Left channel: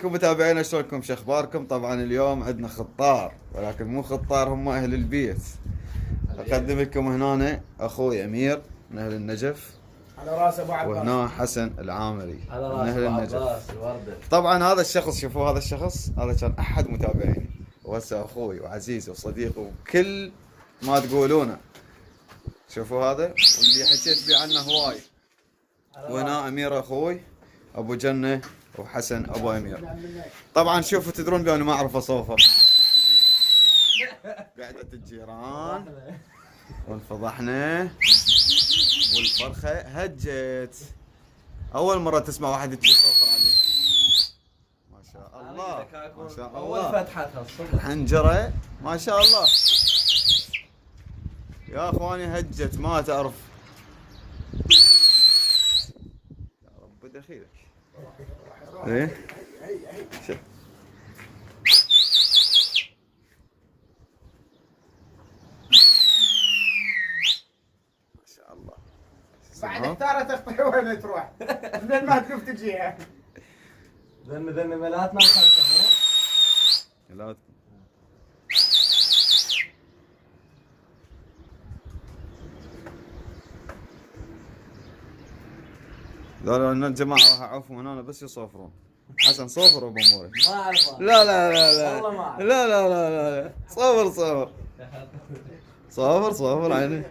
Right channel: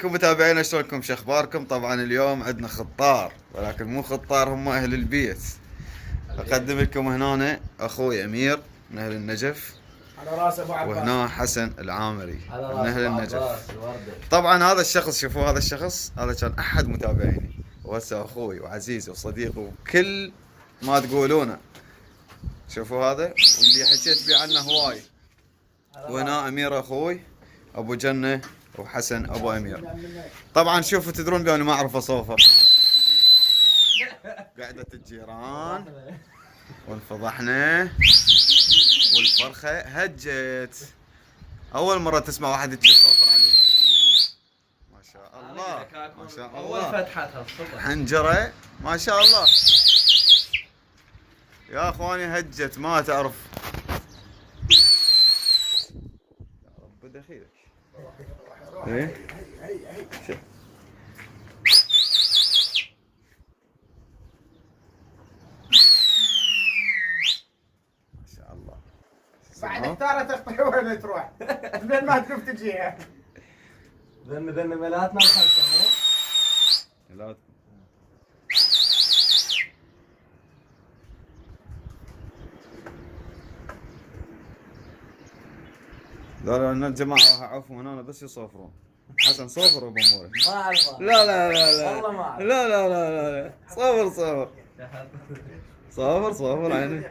عليكم متابعينا، شلونكم؟ شو اخباركم؟ طبعا اليوم عندنا خطار، ولكن مو خطار، هم اهل البيت. اقدم لكم هنا اخوي امير من اهل النجف، على راس ابو عباس، وهنا حسن العامري على من راس اهل ابو النجف. عباس الوردة. طبعا هذا الشخص، شوفوا هذا الشخص، هذا كان احد متابعيني، وهسه اخوي وعزيزي وصديقي وكل ما تقولونه. شوفوا هذا واللي حكيت بيه عنه هواي. وهنا امير اخوي، ابو جنة، وحسن ابو امير. طبعا شوفوا، تدرون باني ما اعرف اصوفر. قعدة الجيران وانفضحنا والفرخة هجت. اول مرة تسمع واحد يجي يصوفر عليها. ما شاء الله ما شاء الله، فتحتها حنجرة ما شاء الله. يا اخواني هجت ما تعرف. يا رب دخيلك. ايه شوف. ما شاء الله. بعد اختارت تخطي وين تروح؟ من ما تشوف تجيها. ذن ملاتنا الخمسة مو؟ لا لا لا الجماعة راح اعوفهم من هنا بس يصوفرون. حسن صوفر بامورك. ما اعرف. لا لا لا لا والله ما أعرف. لا لا لا لا صوفر صوفر صوفر صوفر عيني.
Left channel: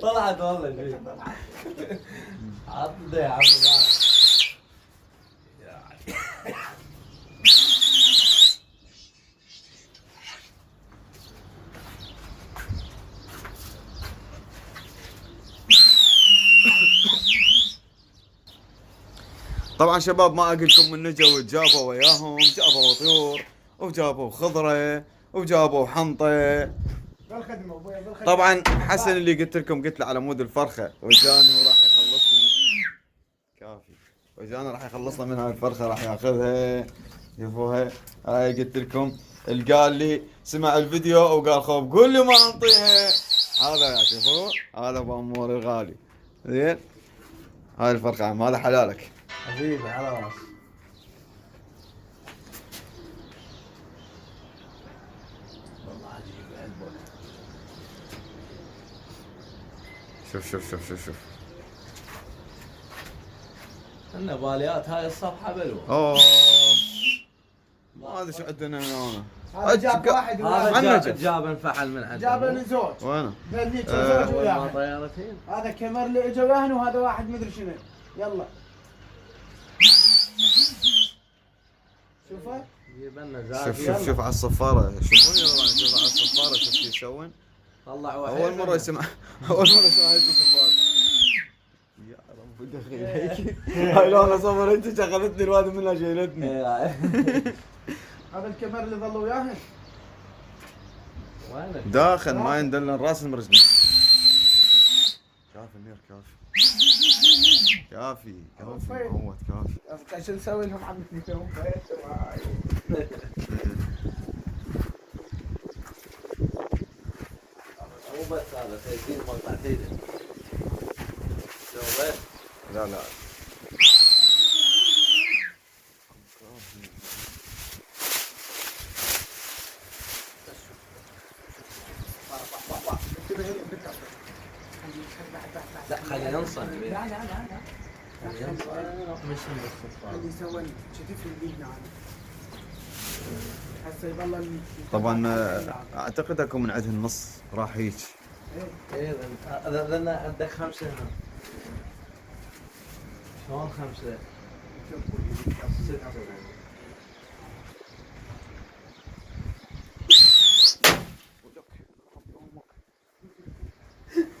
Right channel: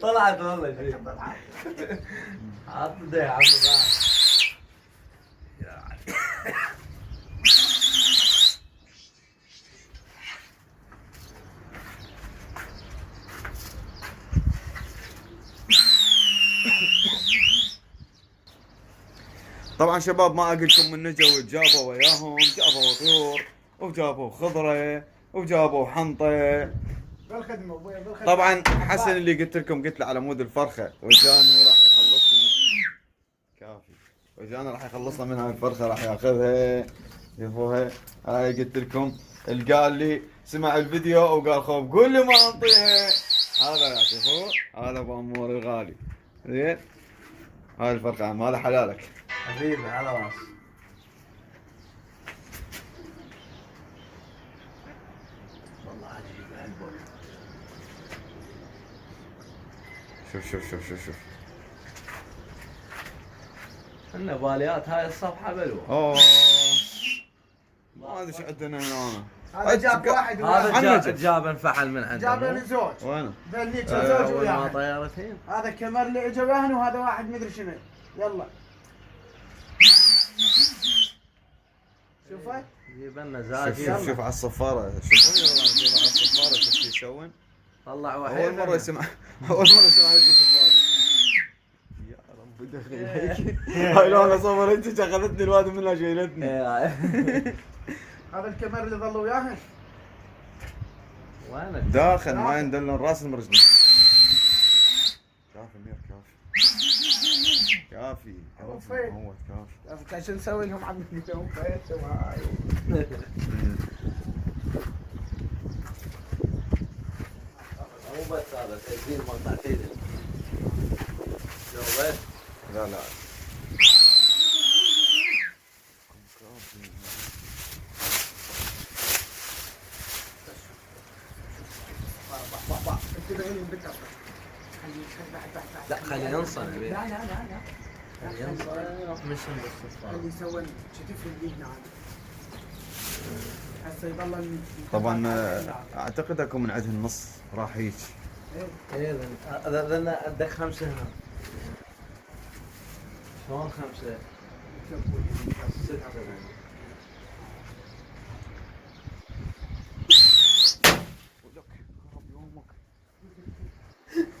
طلعت والله شوي. عط يا عمي معك. طبعا شباب ما اقول لكم من نجوا وجابوا وياهم، جابوا طيور وجابوا خضره وجابوا حنطه. بالخدمه ابوي بالخدمه. طبعا حسن اللي قلت لكم، قلت له على مود الفرخه، وجانا وراح يخلصنا. كافي. وجانا راح يخلصنا من هاي الفرخه، راح ياخذها. شوفوها هاي قلت لكم. قال لي سمع الفيديو وقال خوف قول لي ما انطيها. هذا يا شوفوا، هذا بامور الغالي. زين هاي الفرخه عم، هذا حلالك. حبيبي على راس. والله عجيب عجبك. شوف شوف شوف شوف شوف. عندنا باليات هاي الصفحة بلوة. اوه ما ادري شو عندنا هنا. هذا جاب واحد هذا عن جاب نجف. جاب انفعل من عنده. جاب لي زوج. وينه؟ ذنيك زوج وياها. طيارتين. هذا كمر اللي اجى وياهن، وهذا واحد مدري شنو. يلا شوفه. جيب لنا شوف زاكي. شوف شوف على الصفارة. شوفوني والله، شوف على الصفارة شوف شو يسوون. طلع واحد. أول مرة يسمع هاي الصفارة. يا رب دخيل هيك. هاي لو أنا صورتك أخذتني الواد منها شيلتني. هذا الكمر اللي ظل وياهن. وينك؟ داخل ما يندلن راس المرجل. كافي مير كافي. كافي كافي معود كافي. شو نسوي لهم عم نسويهم مو بس هذا تسجيل مقطعتين. لا لا لا خلينا ننصر. لا لا لا لا. خلينا ننصر. مش اللي يسوي شتيف البيت معنا. هسه يضل. طبعا اعتقد اكو من عندهم النص راح هيك. ايه ذا عندك خمسة هنا. شلون خمسة؟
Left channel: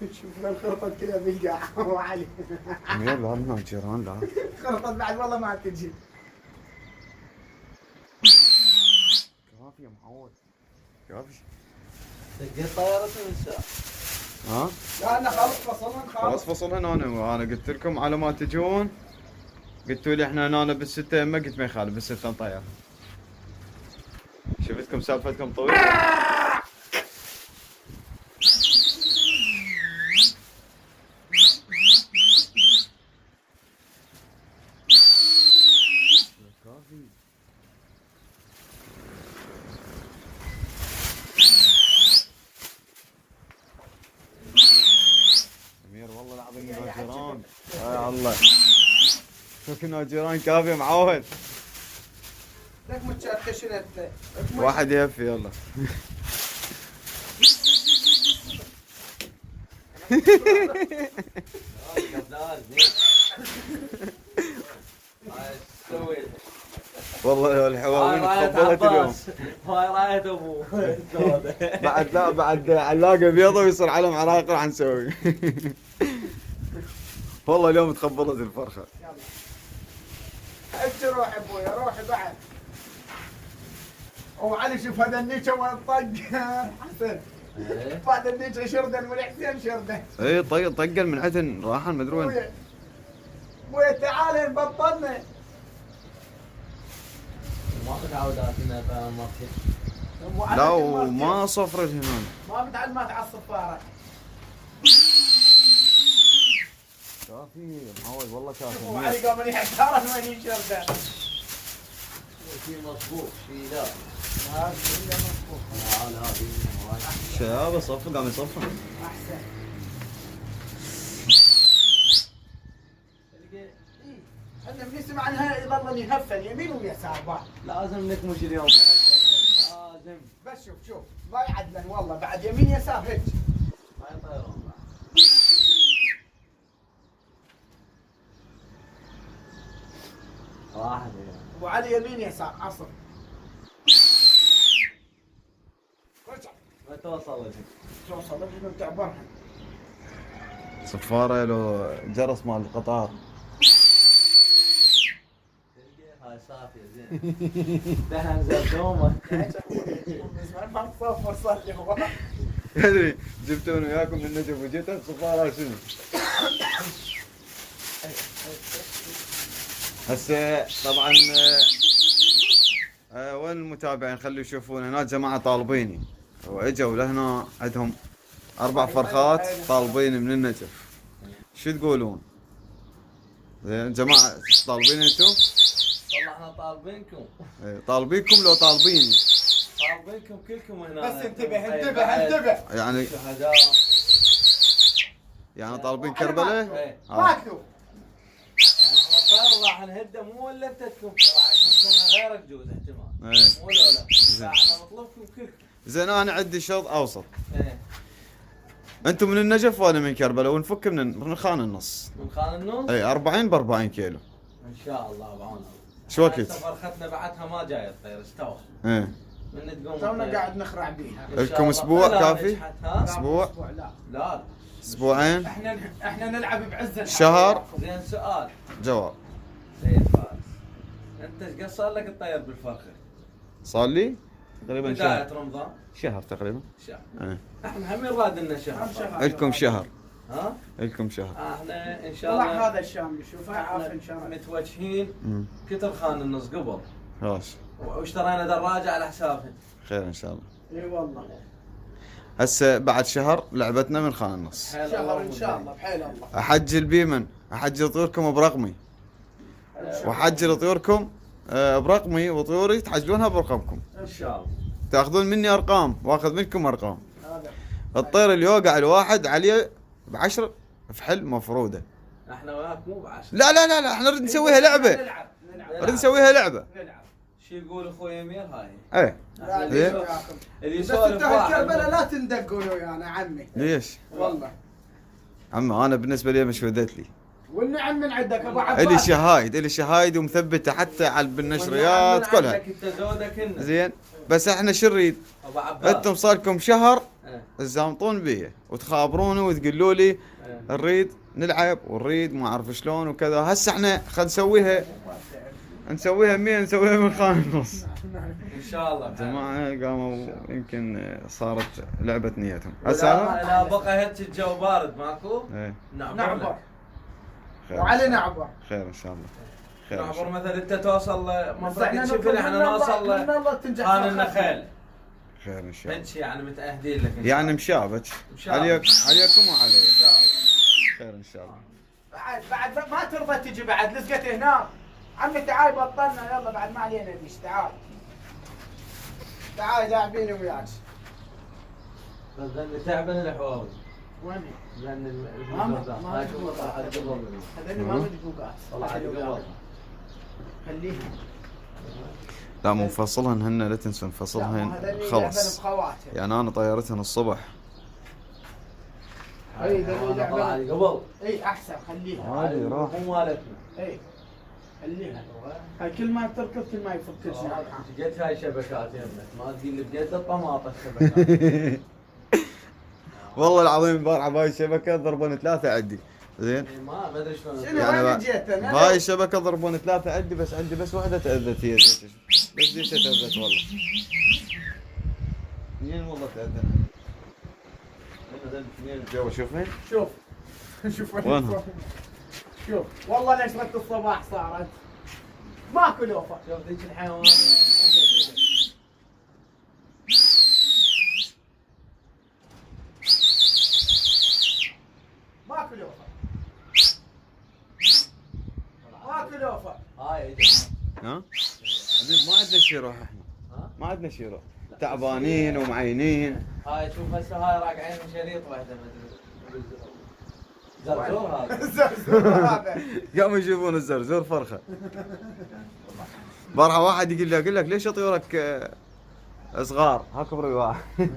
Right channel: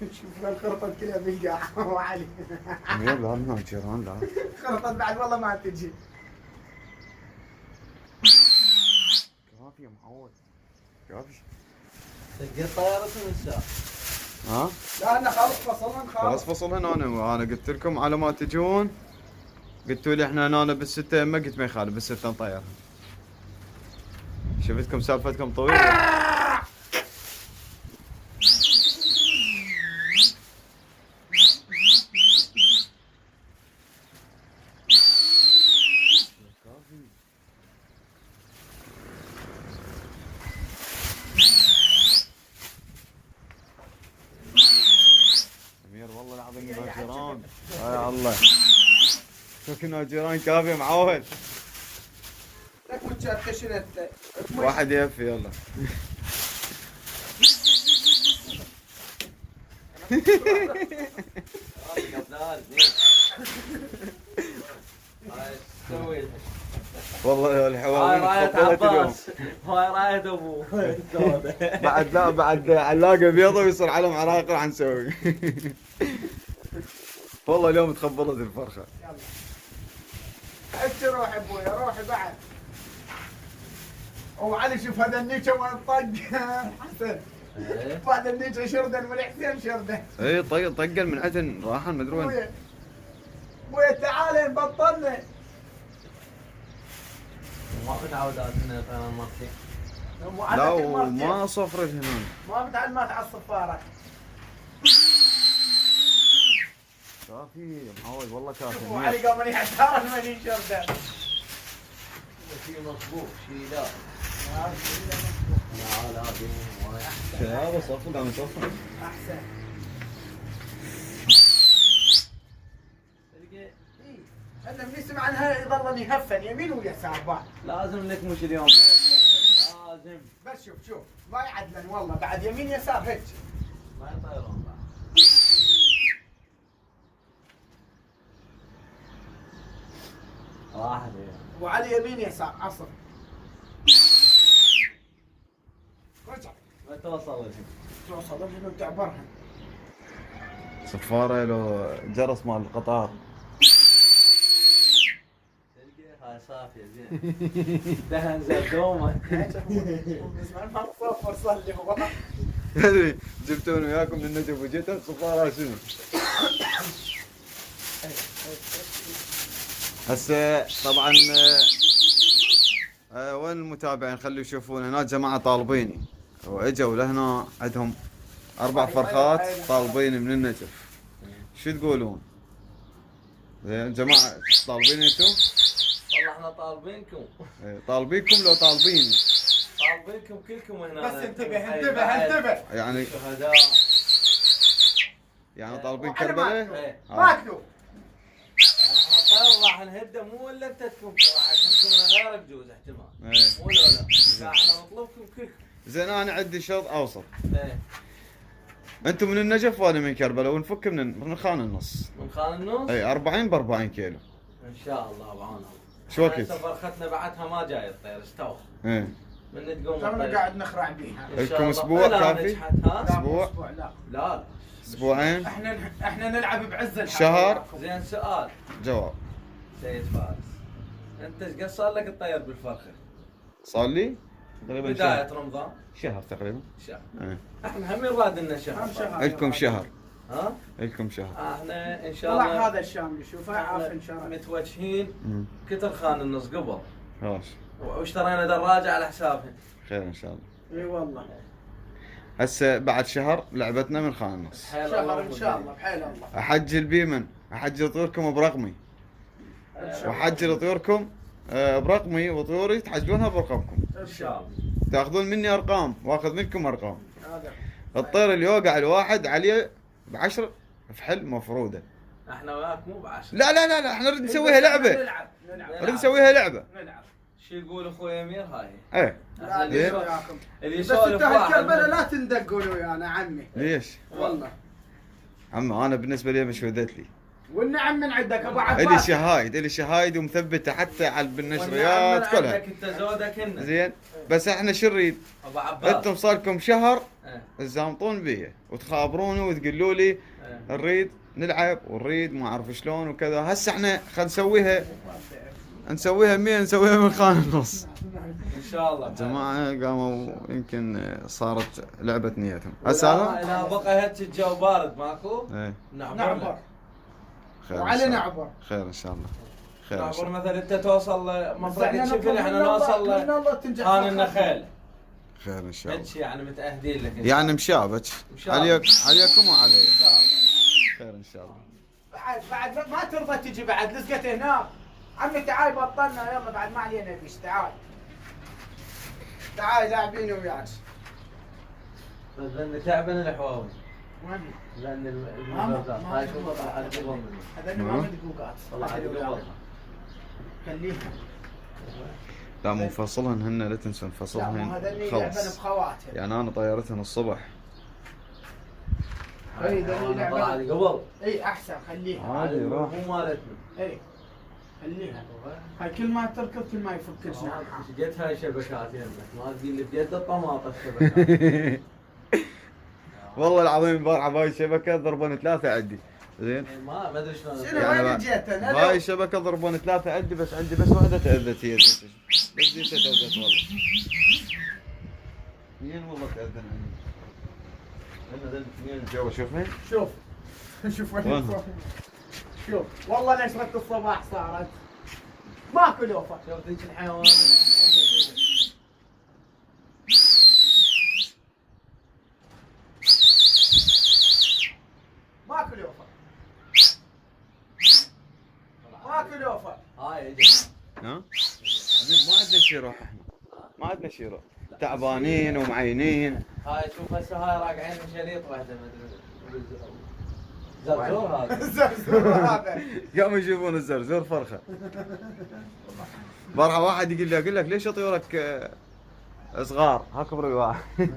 شوف الخرطة كلها بالقاع وعلي. امير لا من الجيران لا. خرطة بعد والله ما تجي. كافي يا معود كافي. تلقيت طيارتين الساعة. ها؟ لا لا خلص فصلنا خلاص فصلنا انا قلت لكم على ما تجون. قلتوا لي احنا هنا بالستة يمه، قلت ما يخالف بالستة نطيرها. شفتكم سالفتكم طويلة. جيران يا الله. سكنوا جيران كافي معود. لك متشتشنت. واحد يفي يلا. والله الحواوين تفضلت اليوم. هاي راية ابوه. بعد لا بعد علاقه بيضه ويصير علم عراقي راح نسوي. والله اليوم تخبلت الفرخه. حتى روح ابوي روحي بعد. وعلي شوف هذا النيشه وين طق. حسن. بعد النيشه شردن والحسين شردن. اي طيب طقل من عدن راحن مدري وين. ابوي تعال بطلنا. ما متعودات انها ترى مرتين. لا وما صفرت هنا. ما متعلمات على الصفاره. كافي معود والله كافي. وعلي قام يحتار وين شردن. شيء مصبوغ شيء لا. لا شباب صفق قام يصفق. احسن. انا من يسمع عنها يظل يهفن يمين ويسار بعض. لازم نكمش اليوم. لازم. بس شوف ما يعدلن والله بعد يمين يسار هيك. ما يطيرون بعد. واحد. ابو علي يمين يسار عصر. رجع. ما توصل توصل رجل وتعبرها. صفاره لو جرس مال القطار. هاي صافية زين. ده نزل دومه. زمان ما صفر صار لي هو. يعني جبتون وياكم من النجف وجيت الصفاره شنو؟ هسه طبعا وين المتابعين خلوا يشوفون هناك جماعه طالبيني واجوا لهنا عندهم 4 فرخات طالبين من النجف. شو تقولون؟ زين جماعه طالبين انتم؟ والله احنا طالبينكم. طالبينكم لو طالبيني. طالبينكم كلكم هنا. بس انتبه. يعني شهداء. يعني طالبين كربلاء؟ ايه. ماكتوب. احنا راح نهده مو الا انت تكون راح تكون غيرك جوز احتمال. ايه. مو ولا لا احنا نطلبكم كلكم. زين انا عندي شرط اوسط. ايه. انتم من النجف وانا من كربلاء ونفك من خان النص. من خان النص؟ اي 40 ب 40 كيلو. ان شاء الله بعون الله. شو وقت؟ هسه فرختنا بعدها ما جاي الطير استوى. ايه. من تقوم تونا الطير. قاعد نخرع بيها. إن شاء لكم الله. أسبوع لا، كافي؟ نجحت، ها؟ أسبوع؟ لا. لا. اسبوعين؟ احنا نلعب بعز الحال. شهر؟ زين سؤال. جواب. سيد فارس. انت ايش قد صار لك الطير بالفرخه؟ صار لي تقريبا بداية شهر. رمضان. شهر تقريبا. شهر. ايه. احنا هم يراد لنا شهر. لكم شهر. ها؟ لكم شهر. احنا ان شاء طلع الله هذا الشامل شوفه عارف ان شاء الله. متوجهين امم كتر خان النص قبل خلاص. واشترينا دراجه على حسابهم. خير ان شاء الله. اي والله. هسه بعد شهر لعبتنا من خان النص. حيل شهر الله ان شاء الله بحيل الله. احجل بيمن احجل طيوركم برقمي واحجل طيوركم برقمي وطيوري تحجلونها برقمكم. ان شاء الله. تاخذون مني ارقام واخذ منكم ارقام. هذا. الطير اللي يوقع الواحد عليه ب10 فحل مفروده. احنا وياك مو بعشر. لا احنا نريد نسويها لعبه. نلعب. نريد نسويها لعبه. نلعب. شو يقول اخوي امير هاي؟ ايه. احنا لا، زين. وياكم. اللي بس يسولف انتوا هالكربله واحد. لا تندقون ويانا عمي. ليش؟ والله. عمي انا بالنسبه لي مش ودت لي. والنعم من عندك ابو الي عباس. شهايد الي شهايد ومثبته حتى على بالنشريات والنعم من كلها. عندك انت زودك هنا. زين بس احنا شو نريد؟ ابو عباس. انتم صار لكم شهر ايه. تزامطون بي وتخابروني وتقولوا لي ايه. نريد نلعب ونريد ما اعرف شلون وكذا. هسه احنا خلينا نسويها 100 نسويها من خان النص. ان شاء الله. جماعه قاموا يمكن صارت لعبه نيتهم. لا هسه انا لا بقى هيك الجو بارد ماكو؟ ايه نعبر. خير إن وعلي شاء الله. نعبر. خير ان شاء الله. خير ان شاء نعبر الله. مثلا انت توصل مفرق احنا تشوف نطلب احنا من الله- نوصل من الله تنجح. خان النخيل. خير ان شاء الله. هيك يعني متأهدين لك إن شاء يعني الله. مشابك شاء الله. عليكم وعلي. ان شاء الله. خير ان شاء الله. بعد ما ترضى تجي بعد لزقت هنا. عمي تعال بطلنا يلا بعد ما علينا بيش تعال. تعال لاعبين وياك. ظلني تعبان الحوار. وين؟ لان ما- هاي شوف طلع على قبل هذول ما مدقوقات. طلع على قبل. خليها. لا مو مفصلهن هن، لا تنسوا لا، نفصلهن هذول خلص. يلعبن بخواتهم. يعني انا طيرتهن الصبح. اي طلع على قبل. اي احسن خليها. عادي راح. مو مالتنا. اي خليها. هاي كل ما تركض كل ما يفك كل شيء. جت هاي شبكات يمك ما تجي اللي بجد الطماطه الشبكات. والله العظيم امبارح بهاي الشبكه ضربون 3 عندي. زين ما ادري شلون. شنو يعني وين جيت انا؟ بهاي الشبكه ضربون 3 عندي، بس عندي بس واحده تاذت هي بس دي تاذت والله. اثنين والله تاذن عندي. ذن اثنين جو شوفين. شوف شوف وين صار. شوف والله نشرة الصباح صارت ماكو لوفة. شوف ذيك الحيوان. ماكو لوفة. ماكو لوفة. هاي ها؟ حبيب ما عندنا شي روح احنا. ما عندنا شي روح. تعبانين ومعينين. هاي شوف هسه هاي راقعين شريط واحده ما ادري. زرزور هذا. زرزور هذا. قاموا يشوفون الزرزور فرخه. بارحه واحد يقول لك ليش طيورك صغار؟ ها كبروا واحد.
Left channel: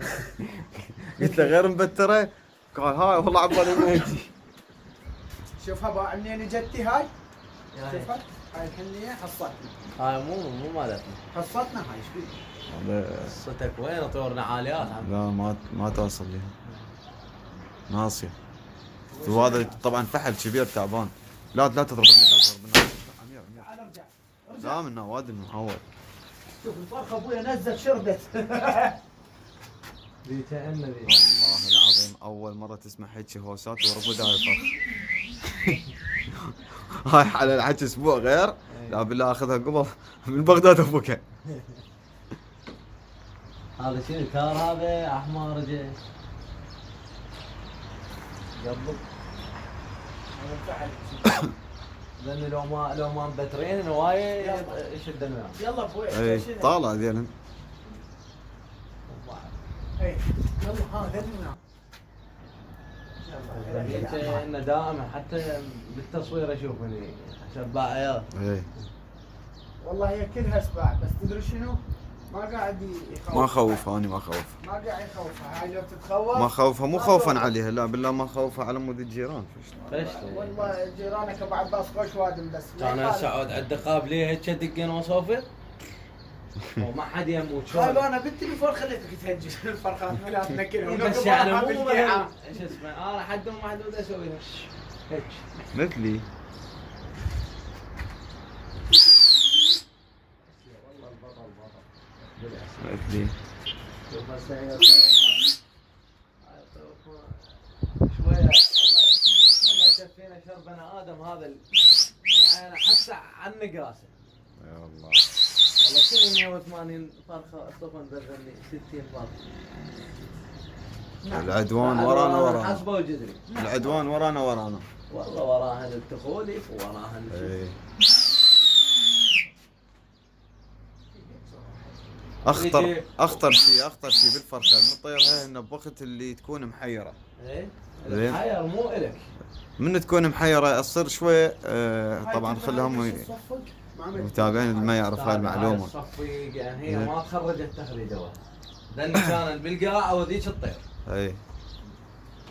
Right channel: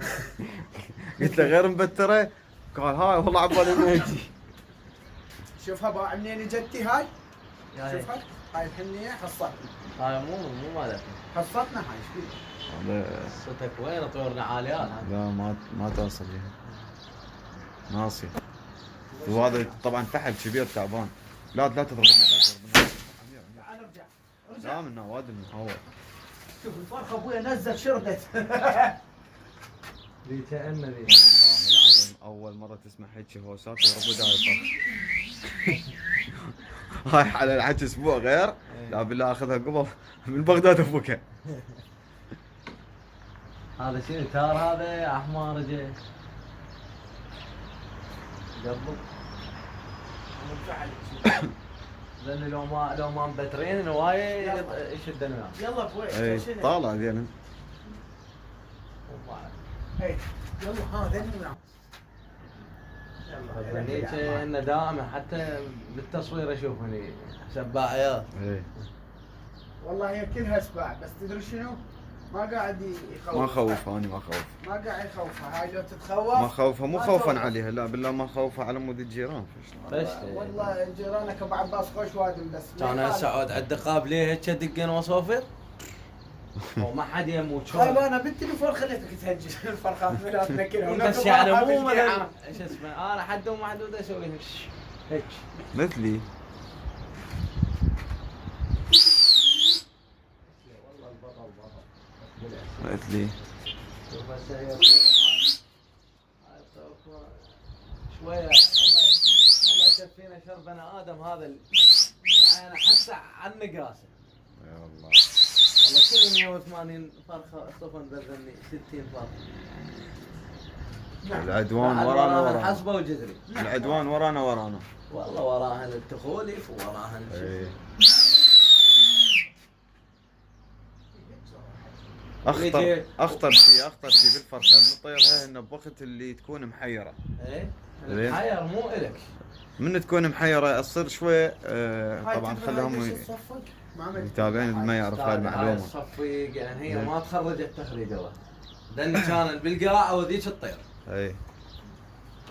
قلت له غير مبتره؟ قال هاي والله عبالي انه يجي. شوفها بقى منين جتي هاي؟ هاي شوفها هاي الحنية حصتنا. هاي مو مالتنا. حصتنا هاي ايش فيك؟ هذا صوتك وين طورنا عاليات. لا ما توصل لها. ناصيه. وهذا طبعا فحل كبير تعبان. لا تضربني لا تضربني. تعال ارجع. لا من نواد المهول. شوف الفرخة ابويا نزل شربت. ذي كأنه ذي. والله العظيم اول مره تسمع هيك هوسات وربود هاي الفرخ. هاي على الحكي اسبوع غير. لا بالله اخذها قبل من بغداد ابوك. هذا شنو تار هذا احمر جاي. قبل. لان لو ما مبترين هوايه يشدن وياه. يلا ابوي. اي طالع ذيلا. هي يلا ها ذننا. هذيك انه دائما حتى بالتصوير اشوف هني سباعيات. اي والله هي كلها سباع بس تدري شنو؟ ما قاعد يخوف. ما خوف انا ما خوف. ما قاعد يخوفها هاي لو تتخوف. ما خوفها مو ما خوفا تخوف. عليها، لا بالله ما خوفها على مود الجيران. والله جيرانك ابو عباس خوش وادم بس. انا هسه اقعد على الدقاب ليه هيك دقن وصوفر؟ وما حد يموت شو. طيب انا بنتي بفور خليتك تهجس الفرخات لا تنكرهم. بس يعني مو مثلا ايش اسمه انا حدهم محدود اسوي هيك. مثلي. والله البطل بطل. مثلي. شوف هسه هي شويه الله يكفينا شر بني ادم هذا العين حتى عن نقاسه. يا الله. والله كل 180 فرخه صفن برزني 60 فرخه. العدوان ورانا حسبه وجذري. العدوان ورانا والله وراهن التخولف وراهن اي. اخطر شيء بالفرخه المطير هي انه بوقت اللي تكون محيره. ايه زين. الحير مو الك. من تكون محيره تصير شوي طبعا خليهم متابعين اللي ما يعرف هاي المعلومه. الصفيق يعني هي ما تخرجت تخريجه واحده لان كان بالقاع وذيك تطير. اي.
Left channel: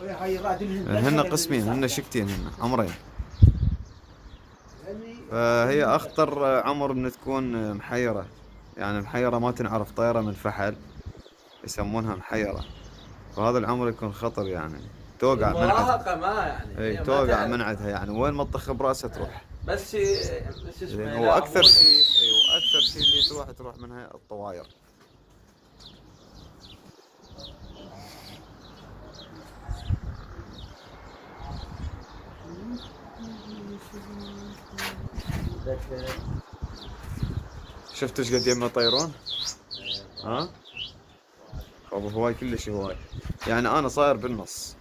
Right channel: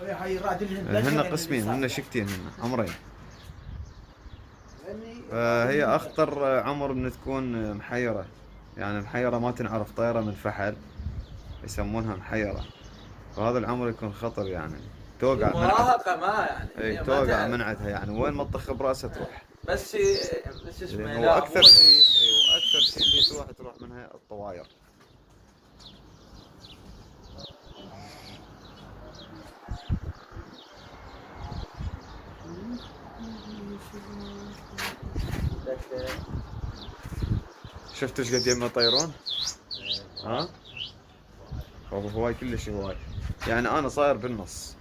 هاي رادلهن. هن قسمين، هن شكتين، هن عمرين. فهي اخطر عمر من تكون محيره. يعني محيره ما تنعرف طيره من فحل يسمونها محيره. فهذا العمر يكون خطر يعني. توقع من المراهقه ما يعني. اي توقع من عندها يعني وين ما تطخ براسها تروح. بس اسمه هو اكثر شيء واكثر شيء اللي تروح منها الطواير. شفت ايش قد يما يطيرون؟ ها؟ هواي كلش هواي. يعني انا صاير بالنص.